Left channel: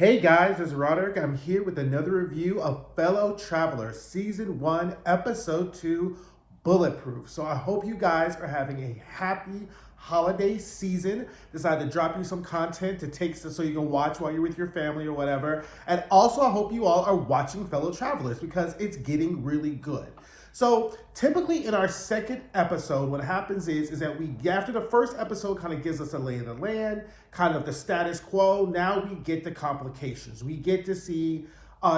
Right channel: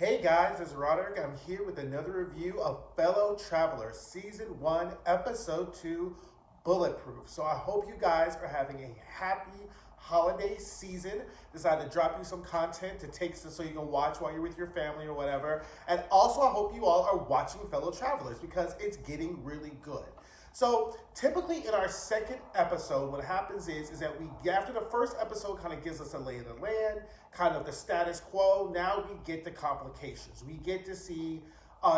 Hey guys, it's Roderick. I'm here with another review of Fellow Traveler, Season 1, Episode 2, Bulletproof. So I hope you guys are having a happy holiday season. Decided to drop you some content to take so you can watch while you're with your family or whatever. And also I hope you all are watching Fellow Travelers because it's getting really good. So typically in our second episode, what happens is that after the first episode kind of gives us a lay of the land, kind of the status quo, now we get the complications. We get to see,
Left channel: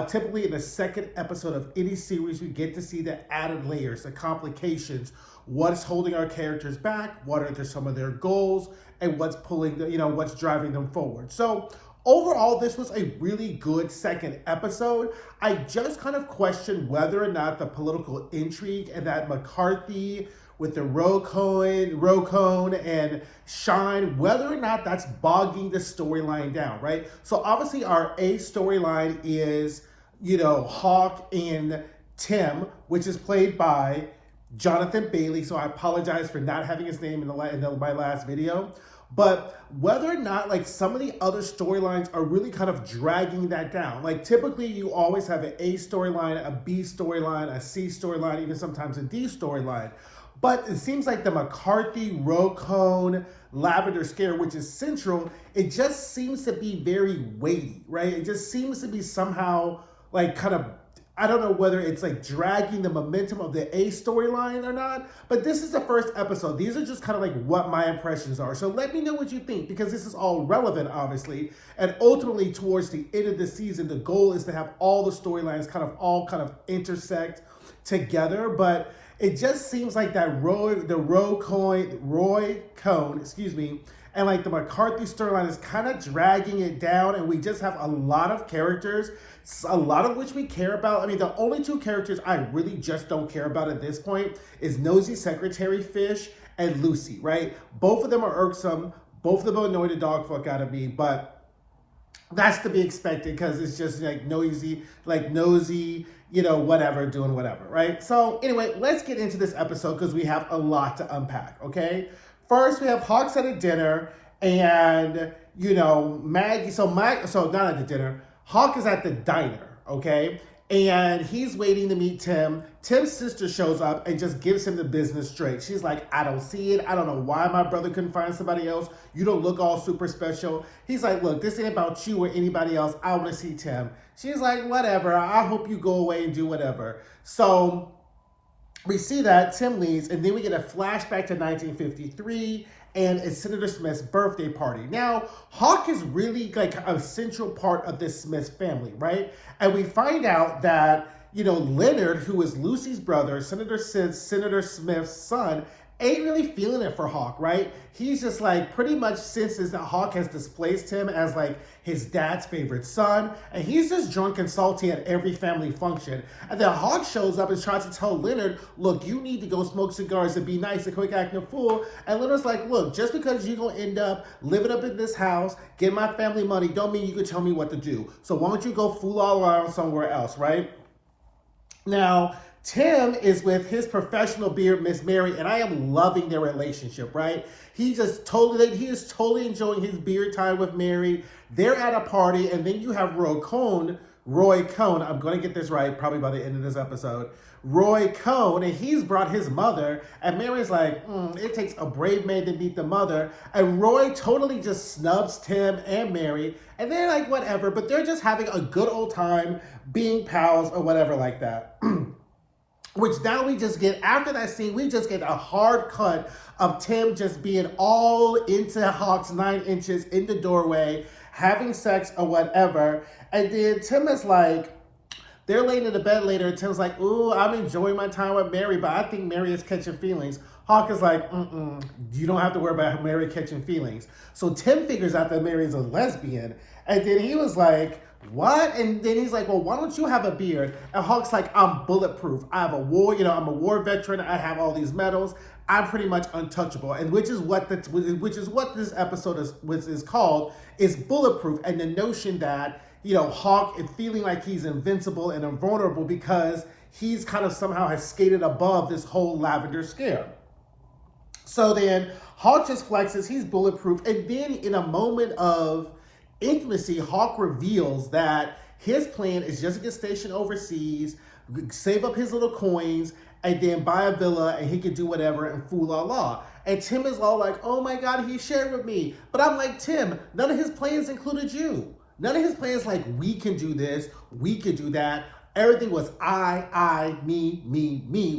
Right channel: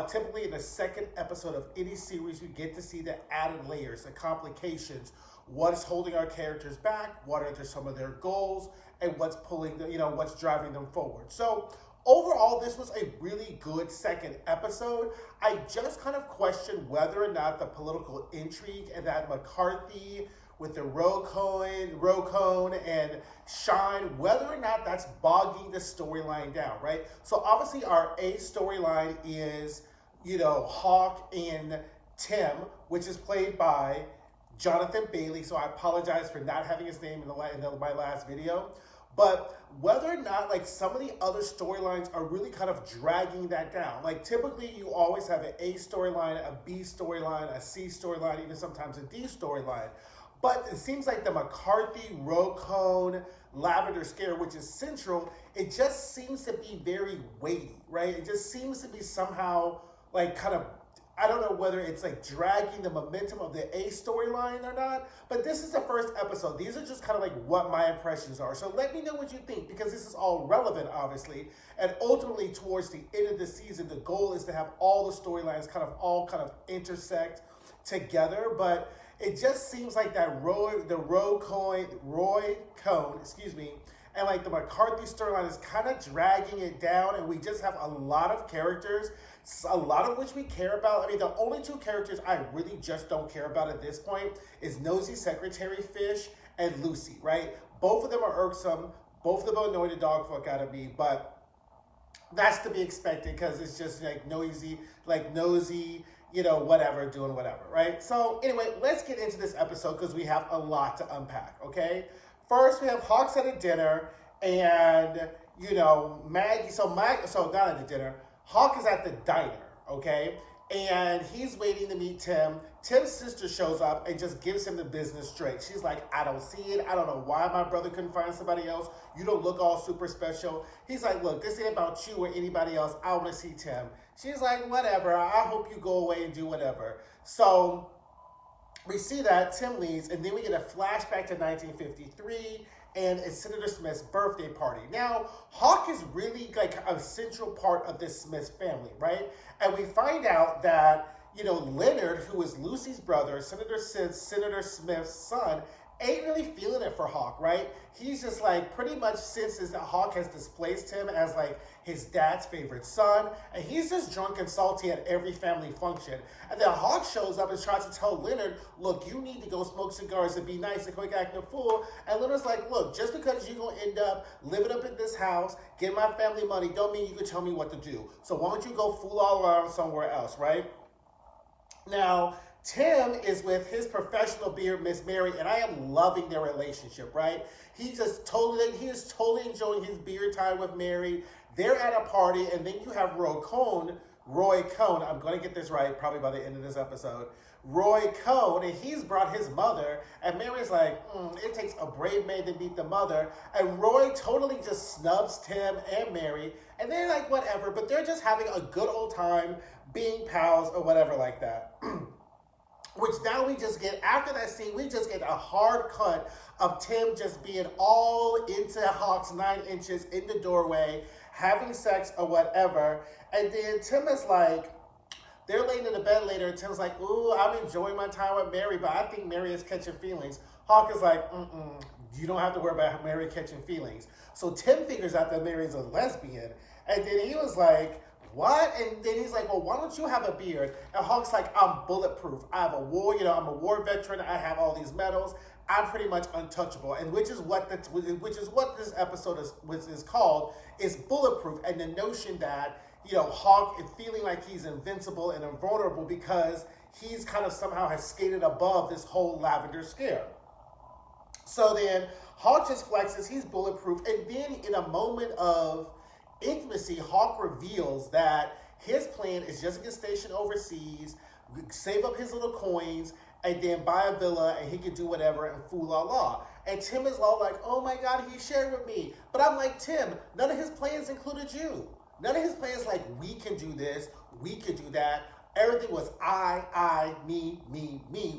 typically in the second episode of any series, we get to see the added layers, the complications, what's holding our characters back, what are some of their goals, and what's pulling, what's driving them forward. So overall, this was a really good second episode. I just kind of questioned whether or not the political intrigue and that McCarthy with the Rocone and Shine, whether or not that's bogging the storyline down, right? So obviously our A storyline is, Hawk and Tim, which is played by Jonathan Bailey. So I apologize for not having his name in my last video. But whether or not like some of the other storylines are really kind of dragging that down. Like typically you always have an A storyline, a B storyline, a C storyline, even sometimes a D storyline. But it seems like the McCarthy, Rocone, Lavender Scare, which is central, it just seems to be very weighty, right? It just seems to be somehow like kind of, I don't know whether it's like dragging the momentum of the A storyline or not, but this is the first episode. These are just kind of like what my impressions are. So let me know what you think, because this is all relevant, obviously. And ultimately, towards the end of the season, the goal is to have all the storylines all intersect together. But it just seems like that Roy Cohn, and like the McCarthy storyline is kind of dragging it down, and we just have a lot of characters, a lot of which we care about. I mean, the only two characters I really just don't care about at this point is Nosy Secretary Fish and Lucy, right? Both of them are irksome. Both of them annoy the dog fuck out of me, but that's to be expected because it's just like nosy, whatever, doing whatever, right? So anyway, let's get into this episode because we have a lot to unpack, okay? First, we have Hawks at a dinner, and Maggie. So not at the dinner. Hawk is at the diner, okay, and he's waiting to meet Tim. Tim's sister shows up and just gives him the business straight. She's like, "I don't see it. I don't know why my brother couldn't find somebody else. You don't look all super special." He's like, "Look, this ain't about you or anybody else. I want to see Tim." She's like, "Whatever. I hope you go away and do whatever." So we see that Tim leaves, and then we get a flashback to 1953, and it's Senator Smith's birthday party. Now, Hawk is really like a central part of this Smith family, right? And we find out that, Leonard, who is Lucy's brother, Senator Smith's son, ain't really feeling it for Hawk, right? He's just like pretty much senses that Hawk has displaced him as like his dad's favorite son, and he's just drunk and salty at every family function. And then Hawk shows up and tries to tell Leonard, "Look, you need to go smoke cigars and be nice and quit acting a fool." And Leonard's like, "Look, just because you're gonna end up living up in this house, get my family money, don't mean you can tell me what to do. So why don't you go fool all around somewhere else," right? Now, Tim is with his professional beard, Miss Mary, and I am loving their relationship, right? He is totally enjoying his beard time with Mary. They're at a party, and then you have Roy Cohn, I'm going to get this right probably by the end of this episode, Roy Cohn, and he's brought his mother, and Mary's like, it takes a brave man to meet the mother, and Roy totally just snubs Tim and Mary, and they're like, whatever, but they're just having a good old time being pals or whatever like that. Which now we just get, after that scene, we just get a hard cut of Tim just being all into Hawk's 9 inches in the doorway, having sex or whatever. And then Tim is like, they're laying in the bed later, and Tim's like, "Ooh, I'm enjoying my time with Mary, but I think Mary is catching feelings." Hawk is like, "You don't have to worry about Mary catching feelings." So Tim figures out that Mary's a lesbian, and then he was like, "What?" And then he's like, "Well, why don't you have a beard?" And Hawk's like, "I'm bulletproof. I have a war, I'm a war veteran. I have all these medals. I'm pretty much untouchable." And which is what this episode is called, is Bulletproof, and the notion that, Hawk is feeling like he's invincible and invulnerable because he's kind of somehow has skated above this whole Lavender Scare. So then Hawk just flexes, he's bulletproof, and then in a moment of intimacy, Hawk reveals that his plan is just to get stationed overseas, save up his little coins, and then buy a villa, and he can do whatever and fool la la. And Tim is all like, oh my God, he shared with me. But I'm like, Tim, none of his plans included you. None of his plans like, we can do this, we can do that. Everything was I, me,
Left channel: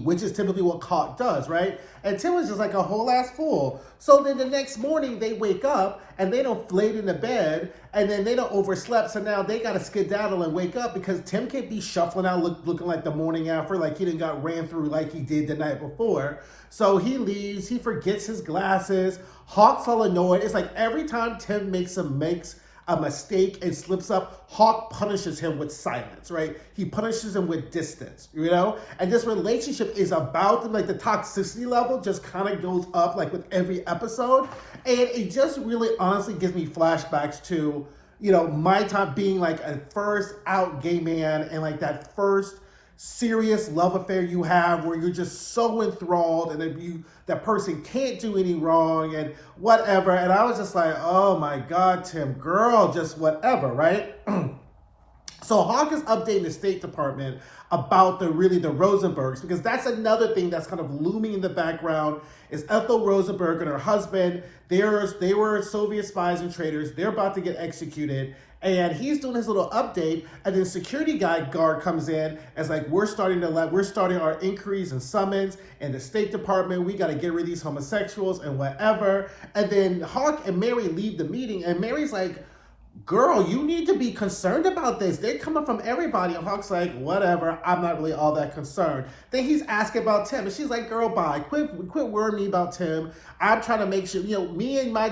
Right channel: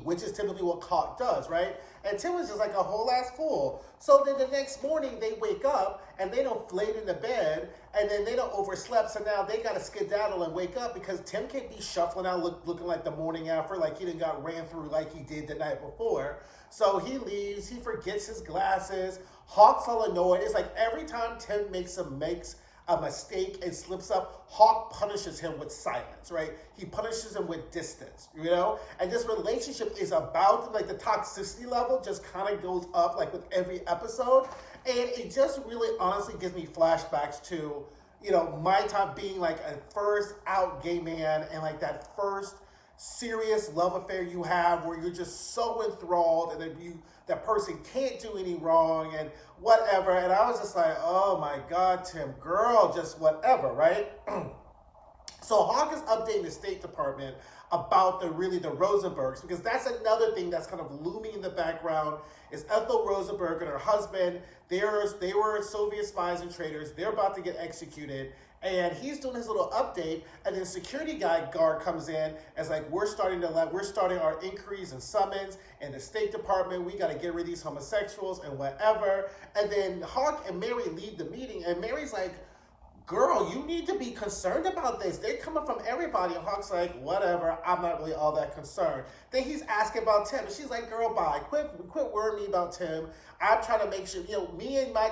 which is typically what Hawk does, right? And Tim was just like a whole ass fool. So then the next morning they wake up and they don't laid in the bed and then they don't overslept. So now they got to skedaddle and wake up because Tim can't be shuffling out looking like the morning after, like he done got ran through like he did the night before. So he leaves, he forgets his glasses. Hawk's all annoyed. It's like every time Tim makes a mistake and slips up, Hawk punishes him with silence, right? He punishes him with distance, you know? And this relationship is about, like, the toxicity level just kind of goes up, like, with every episode. And it just really honestly gives me flashbacks to, you know, my time being, like, a first out gay man and, like, that first serious love affair you have where you're just so enthralled and that person can't do any wrong and whatever. And I was just like, oh my God, Tim, girl, just whatever, right? So Hawk is updating the State Department about the Rosenbergs, because that's another thing that's kind of looming in the background is Ethel Rosenberg and her husband. They were Soviet spies and traitors. They're about to get executed. And he's doing his little update, and then security guard comes in as like, we're starting our inquiries and summons in the State Department. We got to get rid of these homosexuals and whatever. And then Hawk and Mary leave the meeting, and Mary's like, girl, you need to be concerned about this. They're coming from everybody. And Hawk's like, whatever, I'm not really all that concerned. Then he's asking about Tim, and she's like, girl, bye. Quit worrying me about Tim. I'm trying to make sure, you know, me and my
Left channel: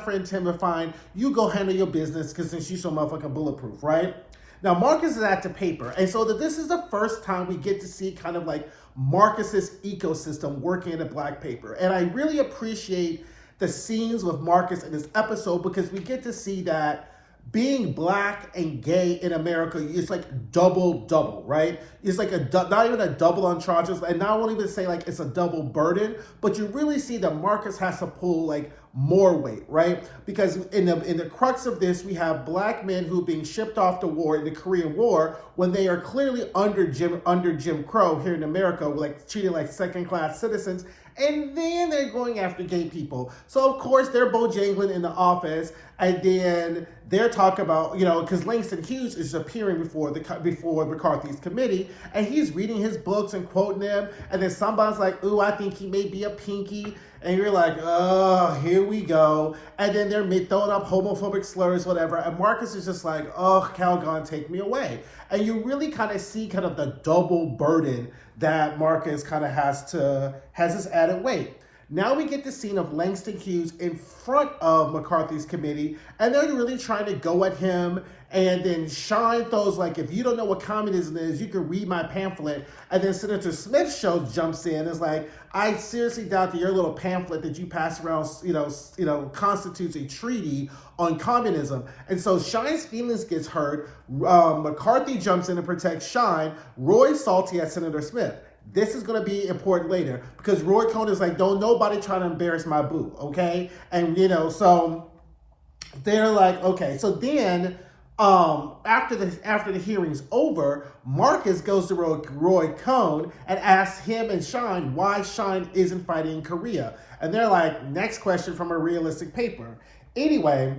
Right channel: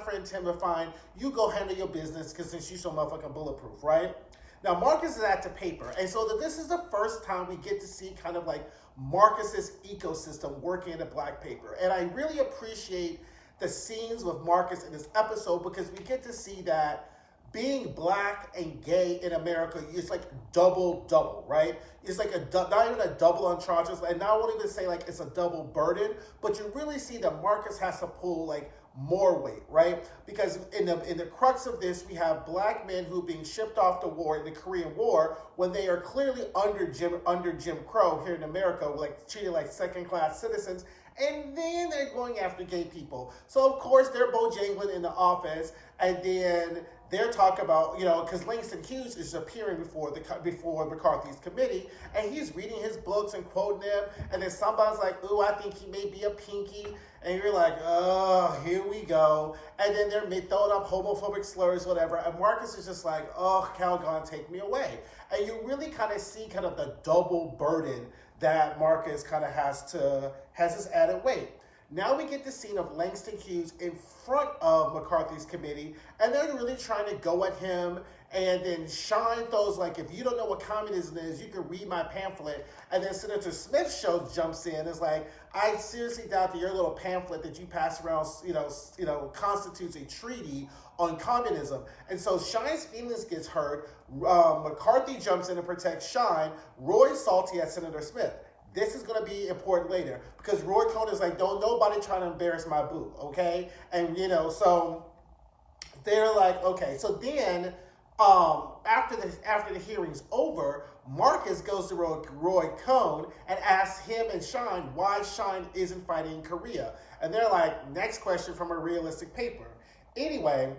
friend Tim are fine. You go handle your business, because since you're so motherfucking bulletproof, right? Now, Marcus is at the paper. And so this is the first time we get to see kind of like Marcus's ecosystem working in the black paper. And I really appreciate the scenes with Marcus in this episode, because we get to see that being black and gay in America is like double, right? It's like not even a double on charges, and I won't even say like it's a double burden, but you really see that Marcus has to pull like more weight, right? Because in the crux of this, we have black men who are being shipped off to war in the Korean War when they are clearly under Jim Crow here in America, like treated like second-class citizens. And then they're going after gay people. So, of course, they're bojangling in the office. And then they're talking about, you know, because Langston Hughes is appearing before McCarthy's committee. And he's reading his books and quoting them. And then somebody's like, ooh, I think he may be a pinky. And you're like, oh, here we go. And then they're throwing up homophobic slurs, whatever. And Marcus is just like, oh, Calgon, take me away. And you really kind of see kind of the double burden that Marcus kind of has this added weight. Now we get the scene of Langston Hughes in front of McCarthy's committee, and they're really trying to go at him. And then Sean throws like, if you don't know what communism is, you can read my pamphlet. And then Senator Smith jumps in and is like, I seriously doubt that your little pamphlet that you pass around, you know, constitutes a treaty on communism. And so Shine's feelings gets hurt. McCarthy jumps in and protects Shine. Roy's salty at Senator Smith. This is going to be important later, because Roy Cohn is like, don't nobody try to embarrass my boo, okay? And, you know, so they're like, okay. So then after the hearing's over, Marcus goes to Roy Cohn and asks him and Shine why Shine isn't fighting in Korea. And they're like, next question from a realistic paper. Anyway,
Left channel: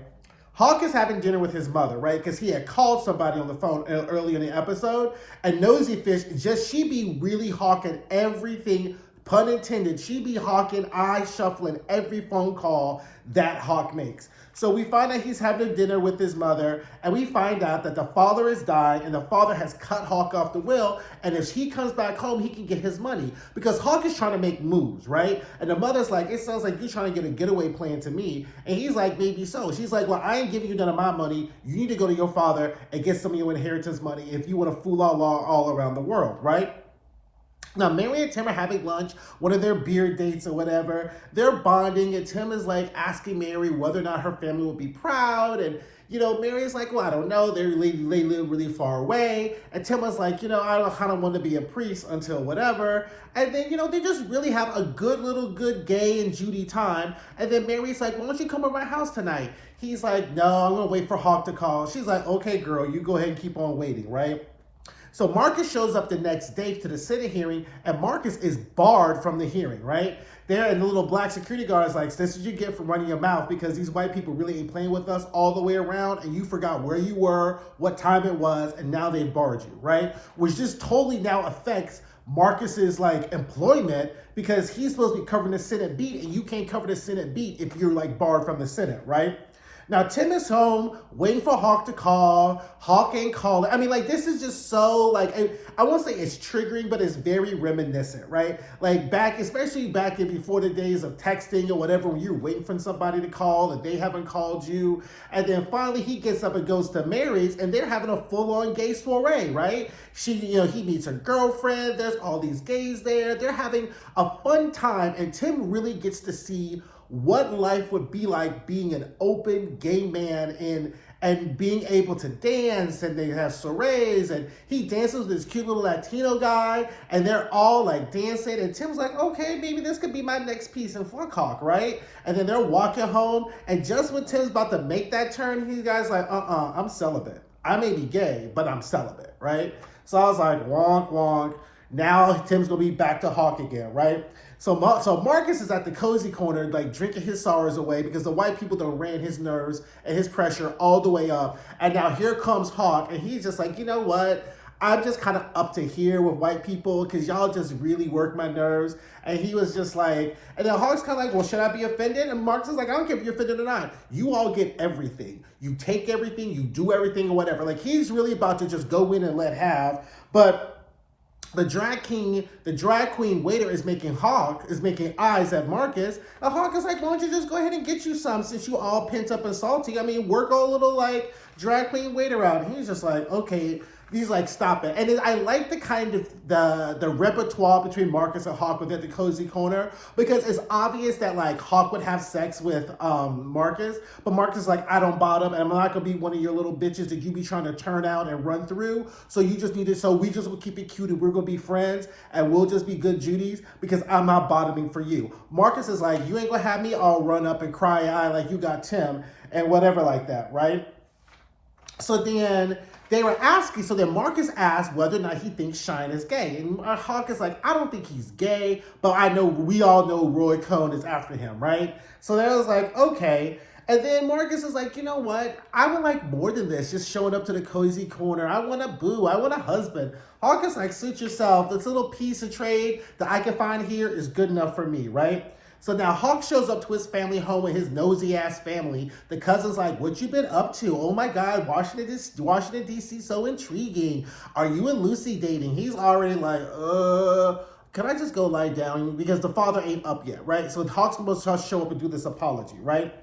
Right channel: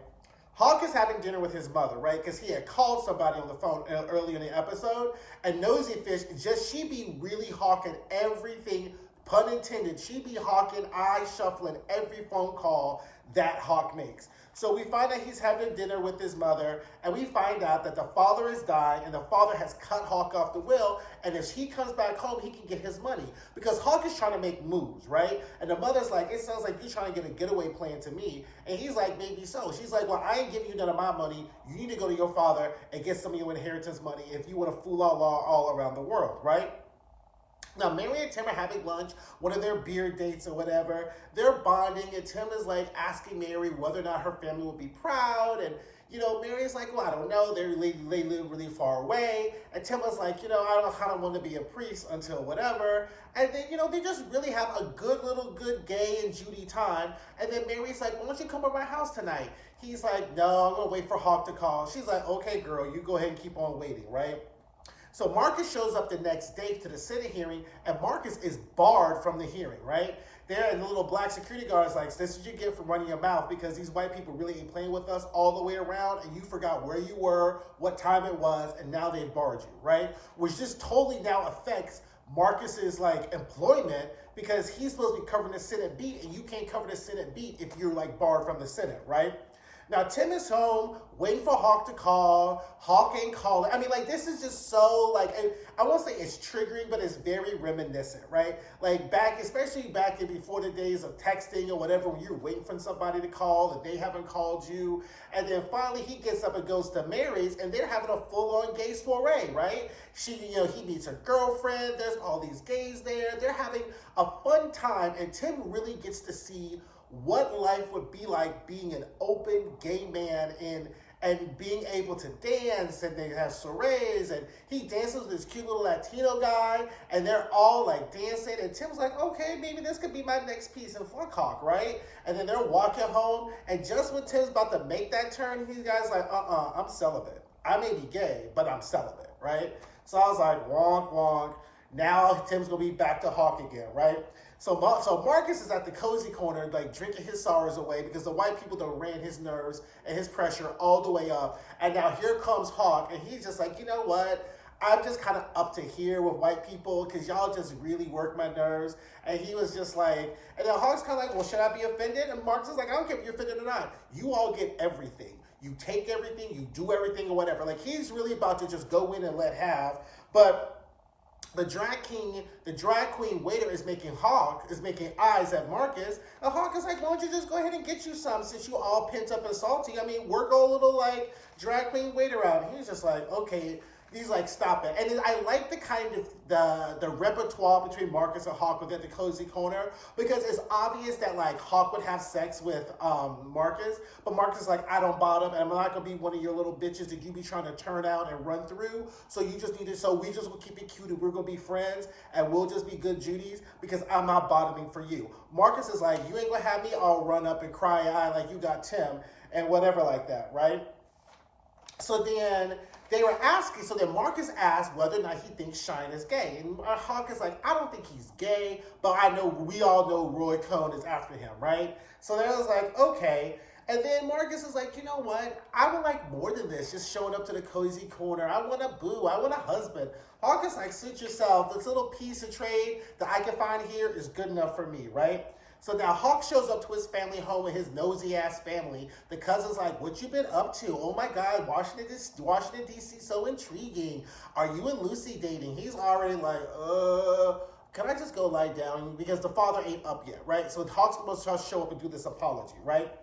Hawk is having dinner with his mother, right? Because he had called somebody on the phone early in the episode. And Nosy Fish, she be really hawking everything, pun intended. She be hawking, shuffling every phone call that Hawk makes. So we find out he's having a dinner with his mother, and we find out that the father is dying, and the father has cut Hawk off the will, and if he comes back home, he can get his money. Because Hawk is trying to make moves, right? And the mother's like, it sounds like you're trying to get a getaway plan to me. And he's like, maybe so. She's like, well, I ain't giving you none of my money. You need to go to your father and get some of your inheritance money if you want to fool all around the world, right? Now, Mary and Tim are having lunch, one of their beer dates or whatever. They're bonding, and Tim is like asking Mary whether or not her family will be proud. And, Mary's like, well, I don't know. They live really far away. And Tim was like, I kind of want to be a priest until whatever. And then, they just really have a good gay and Judy time. And then Mary's like, why don't you come to my house tonight? He's like, no, I'm going to wait for Hawk to call. She's like, okay, girl, you go ahead and keep on waiting, right? So Marcus shows up the next day to the Senate hearing, and Marcus is barred from the hearing, right? There, and the little black security guard is like, this is what you get for running your mouth, because these white people really ain't playing with us all the way around, and you forgot where you were, what time it was, and now they've barred you, right? Which just totally now affects Marcus's employment, because he's supposed to be covering the Senate beat, and you can't cover the Senate beat if you're barred from the Senate, right? Now, Tim is home, waiting for Hawk to call. Hawk ain't calling. I mean, this is just so, I won't say it's triggering, but it's very reminiscent, right? Especially back in before the days of texting or whatever, when you're waiting for somebody to call and they haven't called you. And then finally he gets up and goes to Mary's, and they're having a full-on gay soiree, right? He meets her girlfriend. There's all these gays there. They're having a fun time, and Tim really gets to see what life would be like being an open gay man and being able to dance, and they have soirees, and he dances with this cute little Latino guy, and they're all dancing, and Tim's like, okay, maybe this could be my next piece in Hawk, right? And then they're walking home, and just when Tim's about to make that turn, he guy's like, I'm celibate. I may be gay, but I'm celibate, right? So I was like, wonk, wonk. Now Tim's gonna be back to Hawk again, right? So Marcus is at the cozy corner, drinking his sorrows away, because the white people done ran his nerves and his pressure all the way up. And now here comes Hawk, and he's just like, you know what? I'm just kind of up to here with white people, because y'all just really work my nerves. And he was just like, and then Hawk's kind of like, well, should I be offended? And Marcus is like, I don't care if you're offended or not. You all get everything. You take everything, you do everything or whatever. He's really about to just go in and let have. But the drag queen waiter is making eyes at Marcus. And Hawk is like, why don't you just go ahead and get you some, since you all pent up and salty? I mean, work a little drag queen waiter out. And he's just like, okay. He's like, stop it. And I like the kind of the repertoire between Marcus and Hawk within the cozy corner, because it's obvious that Hawk would have sex with Marcus, but Marcus is like, I don't bottom, and I'm not gonna be one of your little bitches that you be trying to turn out and run through. So you just need to. So we just will keep it cute, and we're gonna be friends, and we'll just be good Judies, because I'm not bottoming for you. Marcus is like, you ain't gonna have me all run up and cry eye like you got Tim and whatever like that, right? So then Marcus asked whether or not he thinks Shine is gay. And Hawk is like, I don't think he's gay, but we all know Roy Cohn is after him, right? So they was like, okay. And then Marcus is like, you know what? I would like more than this, just showing up to the cozy corner. I want a boo. I want a husband. Hawk is like, suit yourself. This little piece of trade that I can find here is good enough for me, right? So now Hawk shows up to his family home with his nosy ass family. The cousin's like, what you been up to? Oh my God, Washington D.C. so intriguing. Are you and Lucy dating? He's already like, can I just go lie down? Because the father ain't up yet, right? So Hawk's supposed to show up and do this apology, right?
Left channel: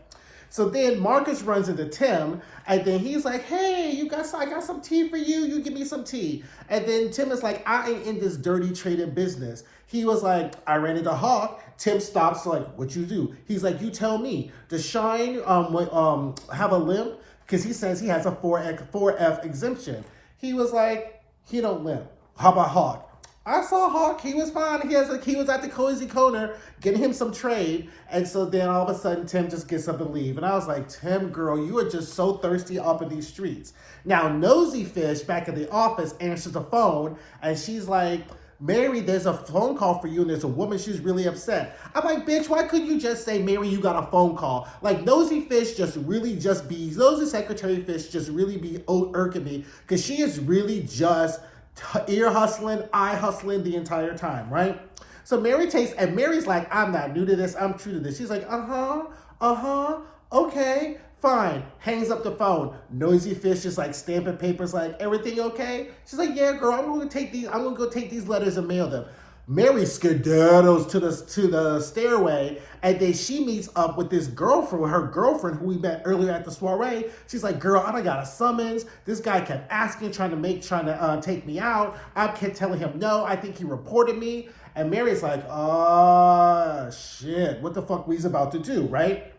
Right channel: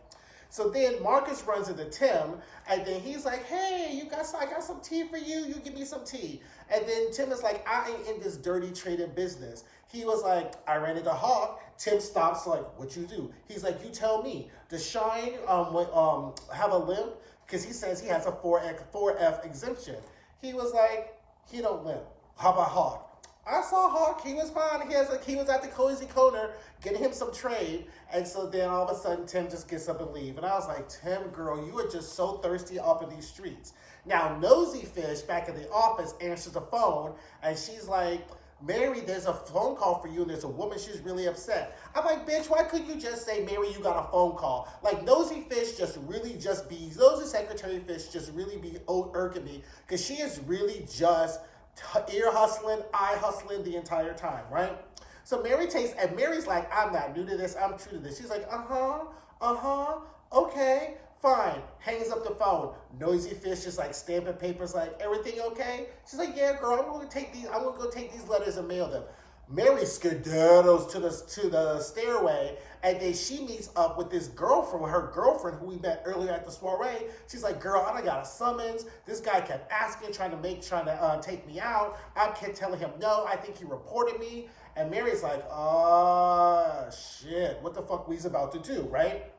So then Marcus runs into Tim, and then he's like, hey, I got some tea for you. You give me some tea. And then Tim is like, I ain't in this dirty trading business. He was like, I ran into Hawk. Tim stops like, what you do? He's like, you tell me. Does Shine have a limp? Because he says he has a 4F exemption. He was like, he don't limp. How about Hawk? I saw Hawk. He was fine. He was at the cozy corner getting him some trade. And so then all of a sudden, Tim just gets up and leave. And I was like, Tim, girl, you are just so thirsty up in these streets. Now, Nosy Fish back in the office answers the phone. And she's like, Mary, there's a phone call for you, and there's a woman, she's really upset. I'm like, bitch, why couldn't you just say, Mary, you got a phone call? Nosy Secretary Fish just really be irking me, because she is really just ear hustling, eye hustling the entire time, right? So Mary's like, I'm not new to this, I'm true to this. She's like, okay, fine. Hangs up the phone. Nosy Fish is like stamping papers, like, everything okay? She's like, yeah, girl, I'm gonna go take these letters and mail them. Mary skedaddles to the stairway, and then she meets up with her girlfriend who we met earlier at the soiree. She's like, girl, I done got a summons. This guy kept asking, trying to take me out. I kept telling him no. I think he reported me. And Mary's like, oh, shit, what the fuck we's about to do, right?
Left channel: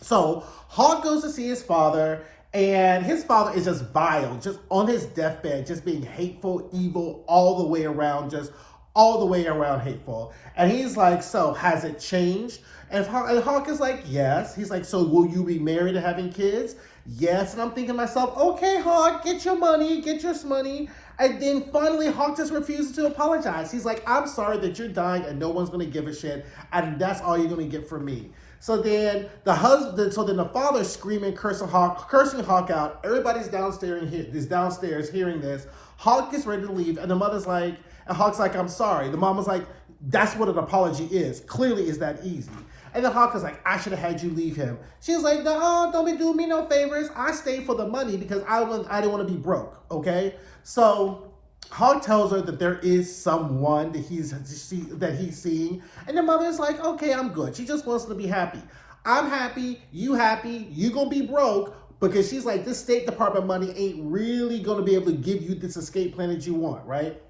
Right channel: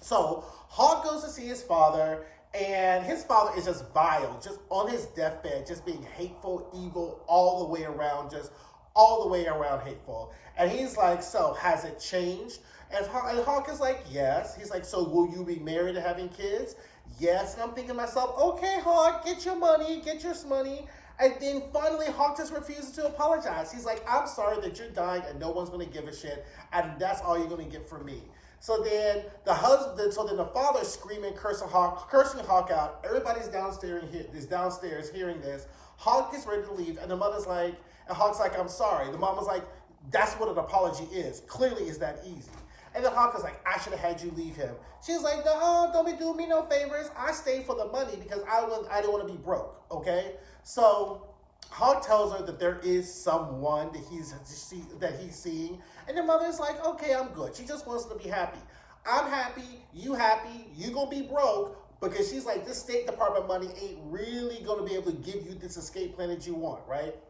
So Hawk goes to see his father, And his father is just vile, just on his deathbed, just being hateful, evil, all the way around, just all the way around hateful. And he's like, so has it changed? And Hawk is like, yes. He's like, so will you be married and having kids? Yes. And I'm thinking to myself, okay, Hawk, get your money, get your money. And then finally, Hawk just refuses to apologize. He's like, I'm sorry that you're dying and no one's going to give a shit. And that's all you're going to get from me. So then the father's screaming, cursing Hawk out. Everybody's downstairs hearing this. Hawk gets ready to leave, and the mother's like, and Hawk's like, I'm sorry. The mom was like, that's what an apology is. Clearly, it's that easy. And then Hawk is like, I should have had you leave him. She's like, no, don't be doing me no favors. I stayed for the money because I didn't want to be broke, okay? So Hawk tells her that there is someone that he's seeing. And the mother's like, okay, I'm good. She just wants to be happy. I'm happy, you gonna be broke, because she's like, this State Department money ain't really gonna be able to give you this escape plan that you want, right?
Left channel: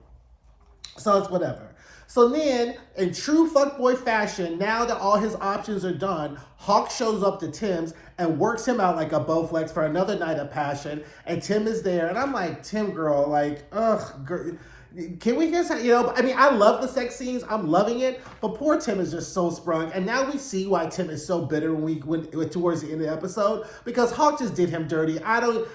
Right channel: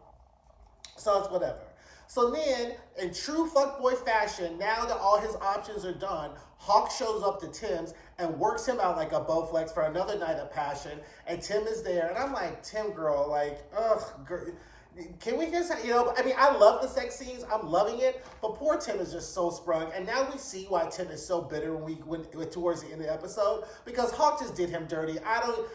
So it's whatever. So then, in true fuckboy fashion, now that all his options are done, Hawk shows up to Tim's and works him out like a Bowflex for another night of passion. And Tim is there. And I'm like, Tim, girl, like, ugh, girl, can we just, I mean, I love the sex scenes. I'm loving it. But poor Tim is just so sprung. And now we see why Tim is so bitter when towards the end of the episode. Because Hawk just did him dirty.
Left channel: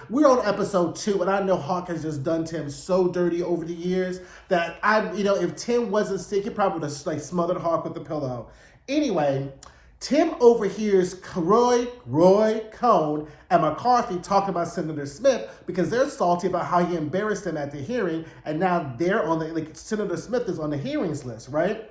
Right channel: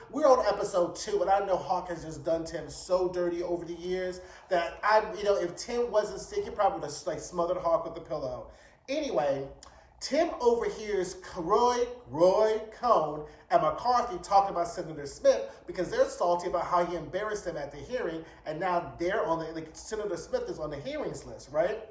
We're on episode 2, and I know Hawk has just done Tim so dirty over the years that if Tim wasn't sick, he probably would have like smothered Hawk with a pillow. Anyway, Tim overhears Roy Cohn and McCarthy talking about Senator Smith because they're salty about how he embarrassed them at the hearing, and now they're on Senator Smith is on the hearings list, right?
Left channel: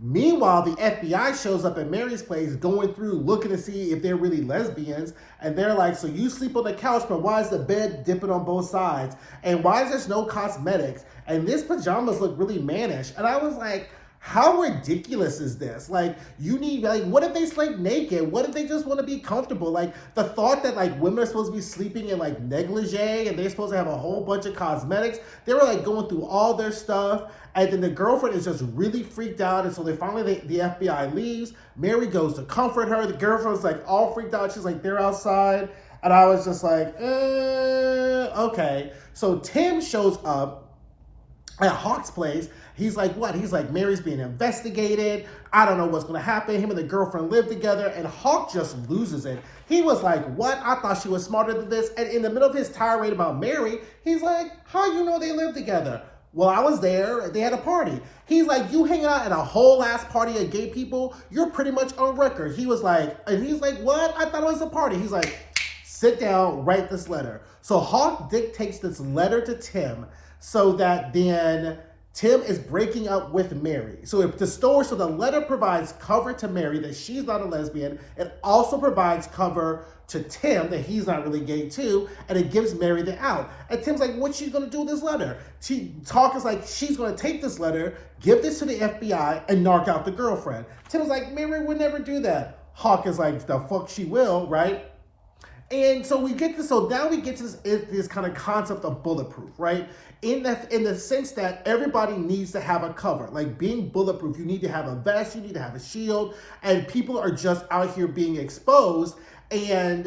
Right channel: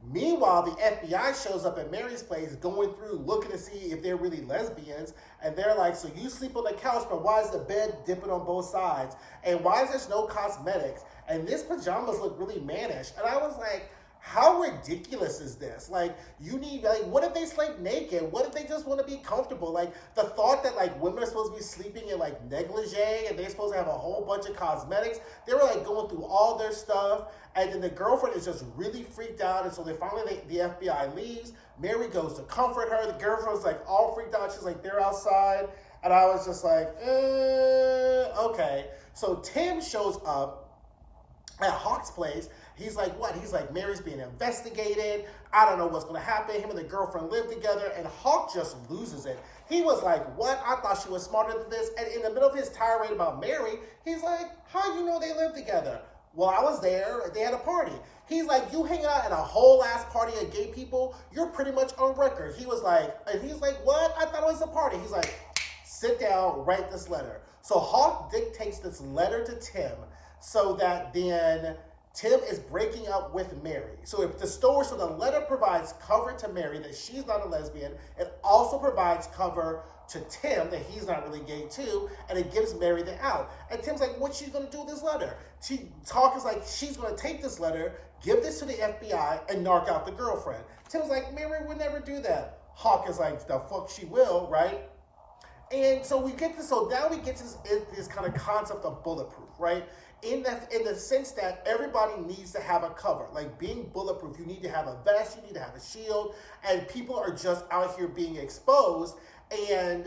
Meanwhile, the FBI shows up at Mary's place, going through, looking to see if they're really lesbians, and they're like, so you sleep on the couch, but why is the bed dipping on both sides? And why is there no cosmetics? And this pajamas look really mannish. And I was like, how ridiculous is this? Like, what if they sleep naked? What if they just want to be comfortable? Like, the thought that, like, women are supposed to be sleeping in, like, negligee and they're supposed to have a whole bunch of cosmetics. They were, like, going through all their stuff. And then the girlfriend is just really freaked out. And so the FBI leaves. Mary goes to comfort her. The girlfriend's, like, all freaked out. She's like, they're outside. And I was just like, okay. So Tim shows up at Hawk's place. He's like, what? He's like, Mary's being investigated. I don't know what's going to happen. Him and the girlfriend live together. And Hawk just loses it. He was like, what? I thought she was smarter than this. And in the middle of his tirade about Mary, he's like, how you know they live together? Well, I was there. They had a party. He's like, you hanging out at a whole ass party of gay people? You're pretty much on record. He was like, and he's like, what? I thought it was a party. He's like, sit down, write this letter. So Hawk dictates this letter to Tim so that then Tim is breaking up with Mary. So the letter provides cover to Mary that she's not a lesbian. It also provides cover to Tim that he's not really gay too, and it gives Mary the out. And Tim's like, what's she gonna do with this letter? Hawk is like, she's gonna take this letter, give this to the FBI, and knock out the girlfriend. Tim's like, Mary would never do that. Hawk is like, the fuck she will, right? And so now we get to this kind of concept of bulletproof, right? In the sense that everybody needs to have a cover. Like being bulletproof, you need to have a vest, you need to have a shield, and people are just out here being exposed. And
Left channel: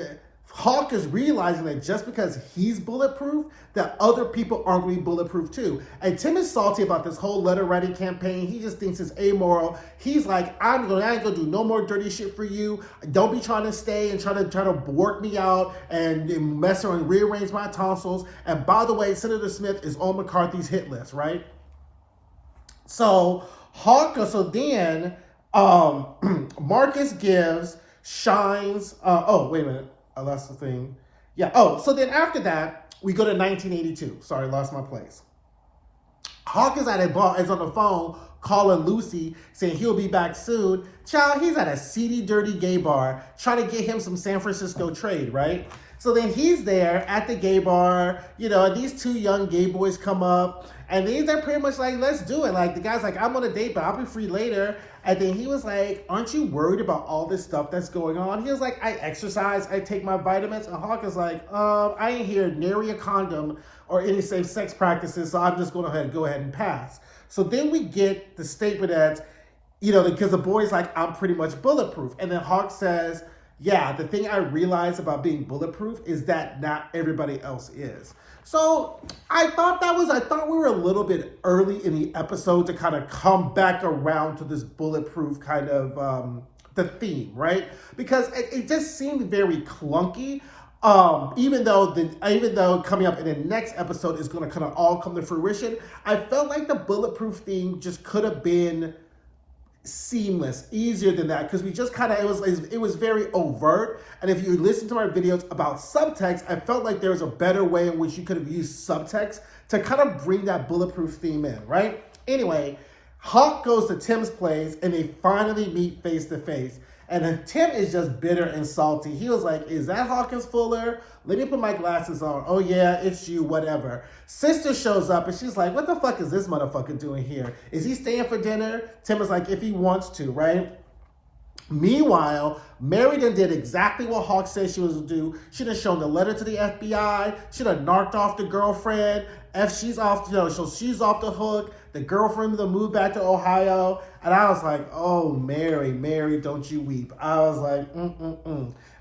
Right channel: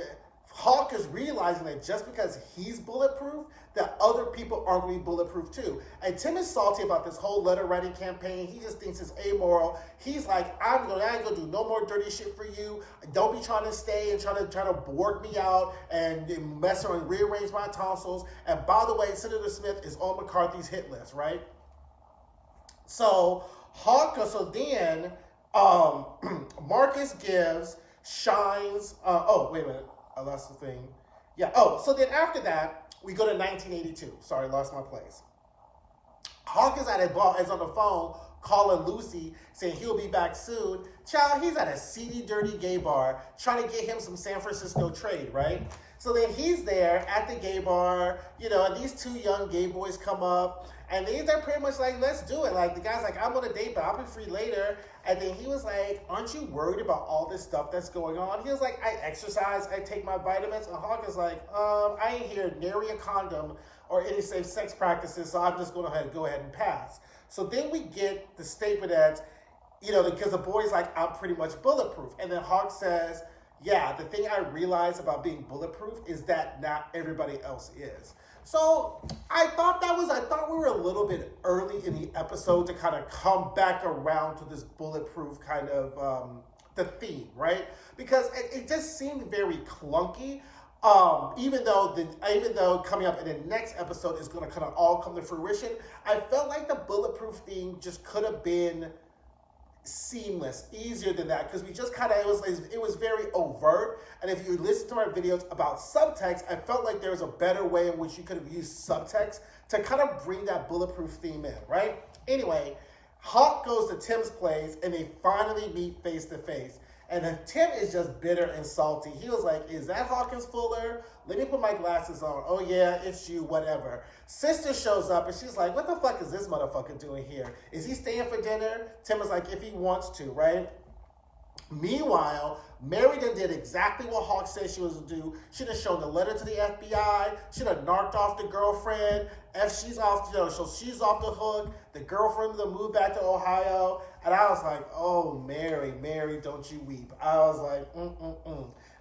Hawk is realizing that just because he's bulletproof, that other people aren't going to be bulletproof too. And Tim is salty about this whole letter writing campaign. He just thinks it's amoral. He's like, I ain't gonna do no more dirty shit for you. Don't be trying to stay and trying to work me out and mess around and rearrange my tonsils. And by the way, Senator Smith is on McCarthy's hit list, right? So then Marcus shines. Oh, wait a minute. I lost the thing. Yeah. Oh, so then after that, we go to 1982. Sorry, lost my place. Hawk is on the phone calling Lucy, saying he'll be back soon. Child, he's at a seedy, dirty gay bar trying to get him some San Francisco trade, right? So then he's there at the gay bar, and these two young gay boys come up, and they're pretty much like, let's do it. Like, the guy's like, I'm on a date, but I'll be free later. And then he was like, aren't you worried about all this stuff that's going on? He was like, I exercise, I take my vitamins. And Hawk is like, I ain't here nary a condom or any safe sex practices, so I'm just going to go ahead and pass. So then we get the statement that, because the boy's like, I'm pretty much bulletproof. And then Hawk says, yeah, the thing I realized about being bulletproof is that not everybody else is. So I thought we were a little bit early in the episode to kind of come back around to this bulletproof kind of the theme, right? Because it just seemed very clunky. Even though coming up in the next episode is going to kind of all come to fruition, I felt like the bulletproof theme just could have been seamless, easier than that, because we just kind of it was very overt. And if you listen to our videos about subtext, I felt like there was a better way in which you could have used subtext to kind of bring that bulletproof theme in, right? Anyway, Hawk goes to Tim's place and they finally meet face to face. And then Tim is just bitter and salty. He was like, is that Hawkins Fuller? Let me put my glasses on. Oh yeah, it's you, whatever. Sister shows up and she's like, what the fuck is this motherfucker doing here? Is he staying for dinner? Tim is like, if he wants to, right? Meanwhile, Mary done did exactly what Hawk said she was to do. She done shown the letter to the FBI. She done narked off the girlfriend. She's off, so she's off the hook. The girlfriend to move back to Ohio. And I was like, oh, Mary, Mary, don't you weep. I was like,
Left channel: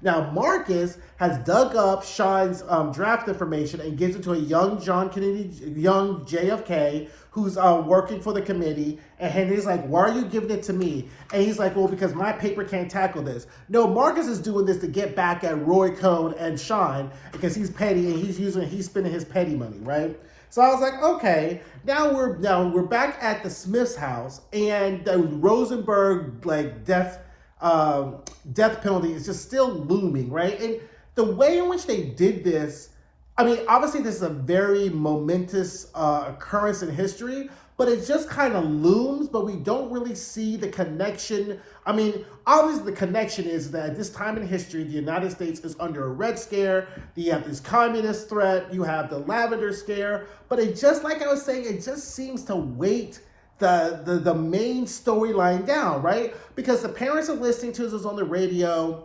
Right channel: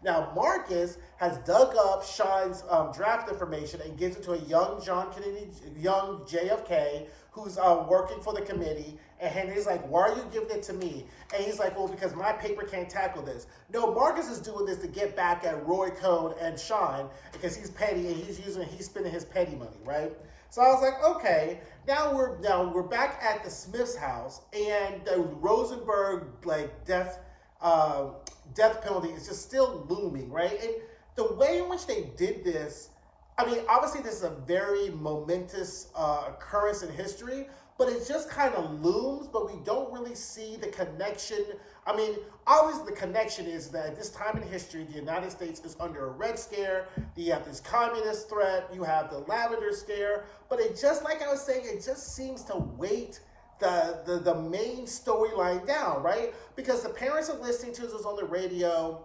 Now, Marcus has dug up Shine's draft information and gives it to a young John Kennedy, young JFK, who's working for the committee. And he's like, why are you giving it to me? And he's like, well, because my paper can't tackle this. No, Marcus is doing this to get back at Roy Cohn and Shine because he's petty and he's spending his petty money, right? So I was like, okay, now we're back at the Smith's house, and the Rosenberg death penalty is just still looming, right? And the way in which they did this, I mean, obviously this is a very momentous occurrence in history, but it just kind of looms, but we don't really see the connection. I mean, obviously the connection is that at this time in history, the United States is under a Red Scare. You have this communist threat. You have the Lavender Scare. But it just, like I was saying, it just seems to weight the main storyline down, right? Because the parents are listening to us on the radio.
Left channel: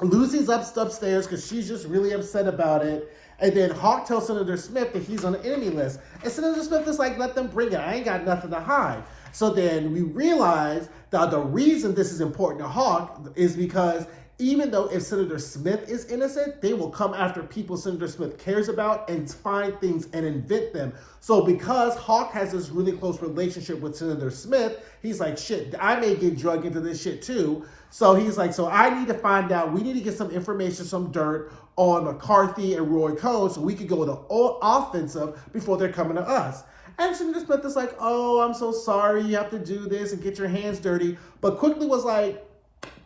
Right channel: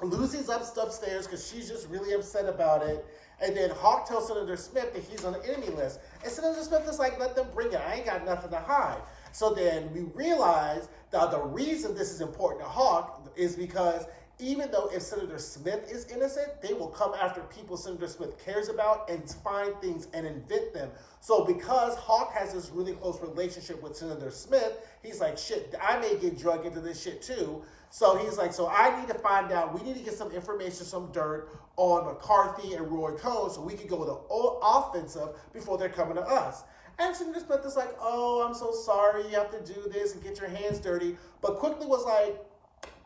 Lucy's upstairs because she's just really upset about it. And then Hawk tells Senator Smith that he's on the enemy list. And Senator Smith is like, let them bring it. I ain't got nothing to hide. So then we realize that the reason this is important to Hawk is because even though if Senator Smith is innocent, they will come after people Senator Smith cares about and find things and invent them. So because Hawk has this really close relationship with Senator Smith, he's like, shit, I may get drugged into this shit too. So he's like, so I need to find out, we need to get some information, some dirt on McCarthy and Roy Cohn so we could go to offensive before they're coming to us. And Senator Smith is like, oh, I'm so sorry, you have to do this and get your hands dirty. But quickly was like,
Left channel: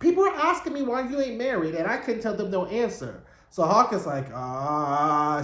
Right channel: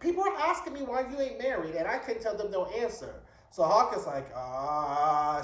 people are asking me why you ain't married, and I couldn't tell them no answer. So Hawk is like,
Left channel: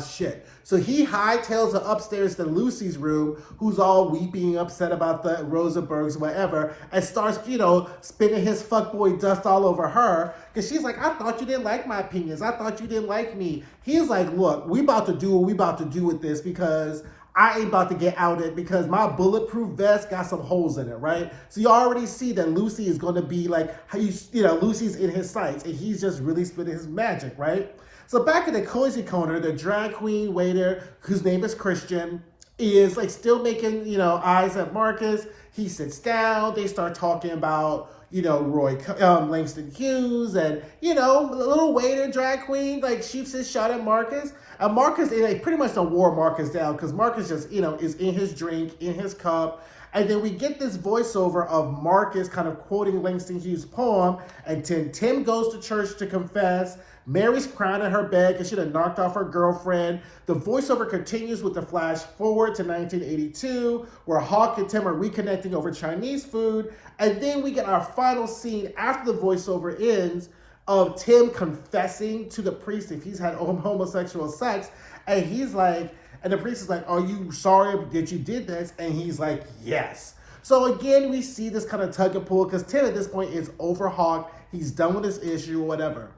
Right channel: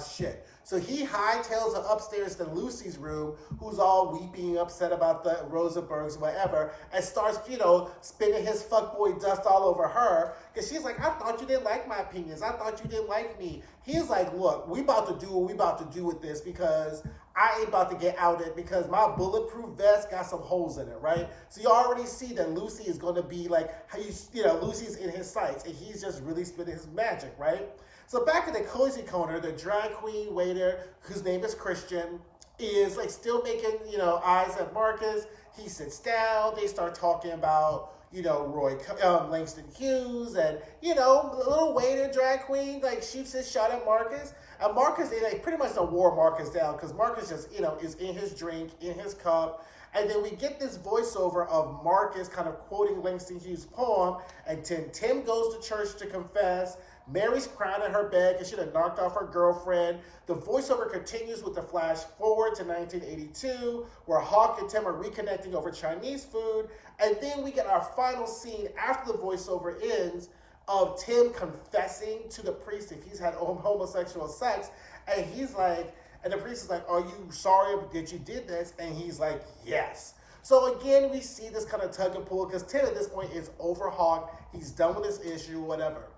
shit. So he hightails her upstairs to Lucy's room, who's all weeping, upset about the Rosenbergs, whatever, and starts, spinning his fuckboy dust all over her. Because she's like, I thought you didn't like my opinions. I thought you didn't like me. He's like, look, we about to do what we about to do with this because I ain't about to get outed because my bulletproof vest got some holes in it, right? So you already see that Lucy is going to be like, Lucy's in his sights, and he's just really spitting his magic, right? So back in the cozy corner, the drag queen waiter, whose name is Christian, is like still making, eyes at Marcus. He sits down. They start talking about, Langston Hughes, and, the little waiter drag queen, like, shoots his shot at Marcus. And Marcus, they pretty much don't wore Marcus down because Marcus just, is in his drink, in his cup. And then we get this voiceover of Marcus kind of quoting Langston Hughes' poem. And Tim goes to church to confess. Mary's crying in her bed because she done knocked off her girlfriend. The voiceover continues with the flash forward to 1982, where Hawk and Tim are reconnecting over Chinese food. And then we get our final scene after the voiceover ends of Tim confessing to the priest if he's had homosexual sex. And he's like, and the priest is like, are you sorry that you did this? And he's like, yes. So again, we see this kind of tug and pull because Tim at this point is over Hawk. He's done with this issue or whatever.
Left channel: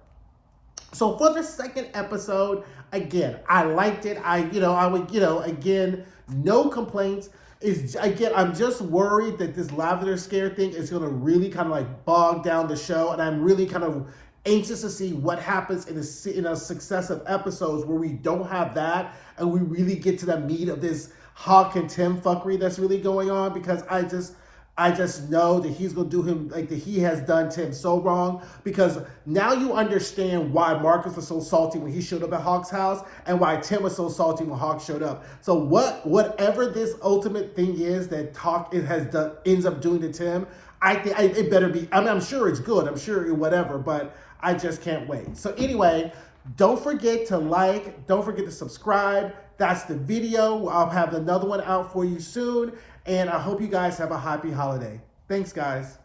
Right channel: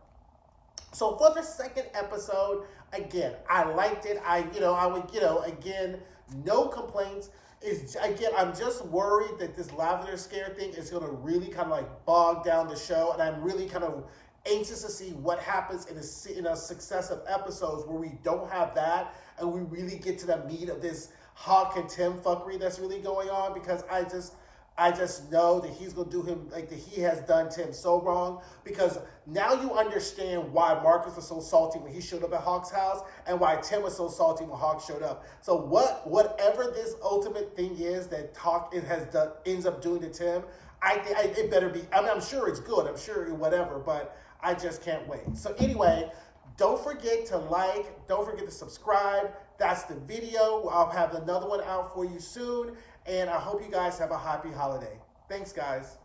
So for the second episode, again, I liked it. Again, no complaints. I'm just worried that this Lavender Scare thing is going to really kind of like bog down the show. And I'm really kind of anxious to see what happens in a successive episodes where we don't have that. And we really get to the meat of this Hawk and Tim fuckery that's really going on. Because I just know that he's going to do him like that he has done Tim so wrong, because now you understand why Marcus was so salty when he showed up at Hawk's house and why Tim was so salty when Hawk showed up. So whatever this ultimate thing is that Hawk ends up doing to Tim, I think it better be. I mean, I'm sure it's good. I'm sure whatever, but I just can't wait. So anyway, don't forget to like. Don't forget to subscribe. That's the video. I'll have another one out for you soon. And I hope you guys have a happy holiday. Thanks, guys.